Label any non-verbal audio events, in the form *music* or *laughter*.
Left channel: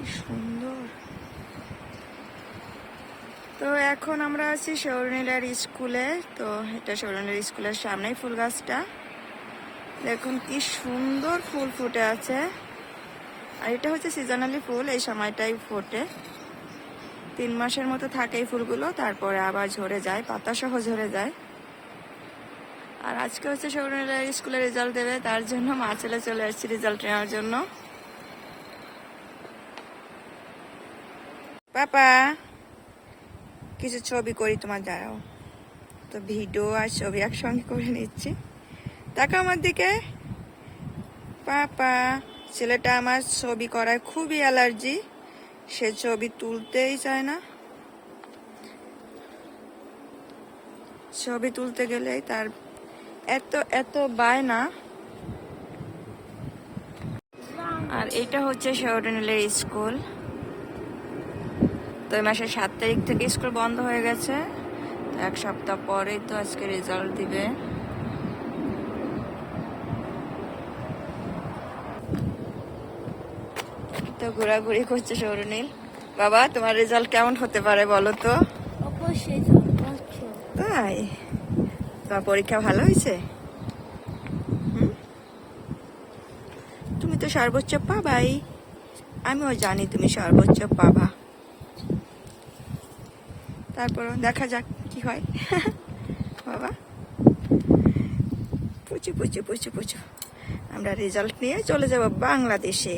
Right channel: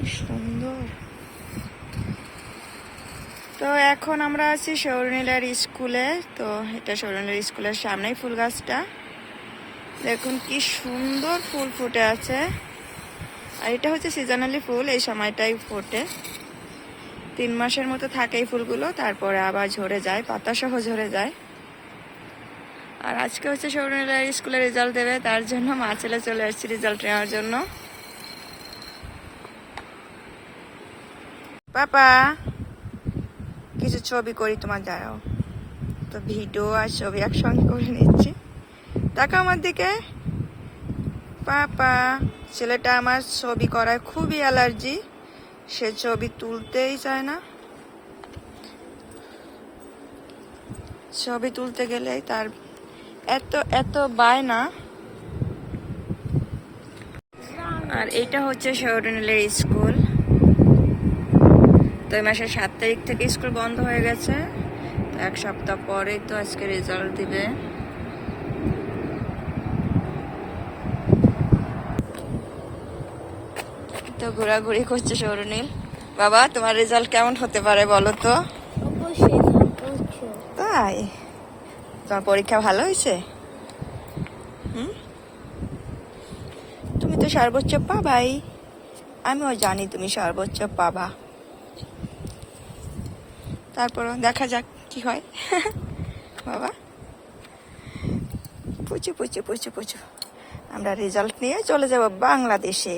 কি সুন্দর। তো এখন আমরা আছি সৌরনীলার স্কুলে। তো এটা সৌরনীলার স্কুলের সামনেই ফুল গাছটা। দেখুন কি সুন্দর ফুল ফুটে আছে। আর এটা হচ্ছে সিজনালি ফুল, এই সময়টাই ফোটে। তিন মাসের মতো থাকে এই ফুলগুলো, তারপরে আবার ঝরে যায় পাতা সহ ঝরে যায়। আর আজকে হচ্ছে সৌরনীলার স্কুলে রেজাল্ট দেবে, তার জন্য মা ছেলে চলে আসছি রেজাল্ট নেওয়ার জন্য। পাপা, কিছু ছবি করি, তোমার দাঁড়াও। তো ভিডিও আর ছবি একসঙ্গে করে নিচ্ছি। তাকে আমার দিকে, পাপা, ছেলেটা আমার ছবি করায় খুবই অ্যালার্জি। সে ছবি তুলতেই চায় না। ছবি তুলতে গেলে তার এত এত বায়না। আর এটা হচ্ছে শহরনীলের স্কুল। তো এই মাসের সাত তারিখ থেকে স্কুল বন্ধ হয়ে গেছে। তো এক সপ্তাহ পরে তো আজকে রেজাল্ট দিবে। তো ঘোরাঘুরি করছে সৌরনীল বাবা তোমার রেজাল্ট কেমন হতে পারে বলো তো? তাই? তোমার পরীক্ষা ভালো হয়েছে? হুম? তুমি তো সর্বোচ্চ পাবাই। আমিও জানি তুমি সর্বোচ্চ পাবা। তারপরও দেখা যাক কি হয়। *laughs* বাবা। পুচু পুচু পুচু পুচু। আমরা রেজাল্ট নিয়ে চলে যাব বাংলাদেশে।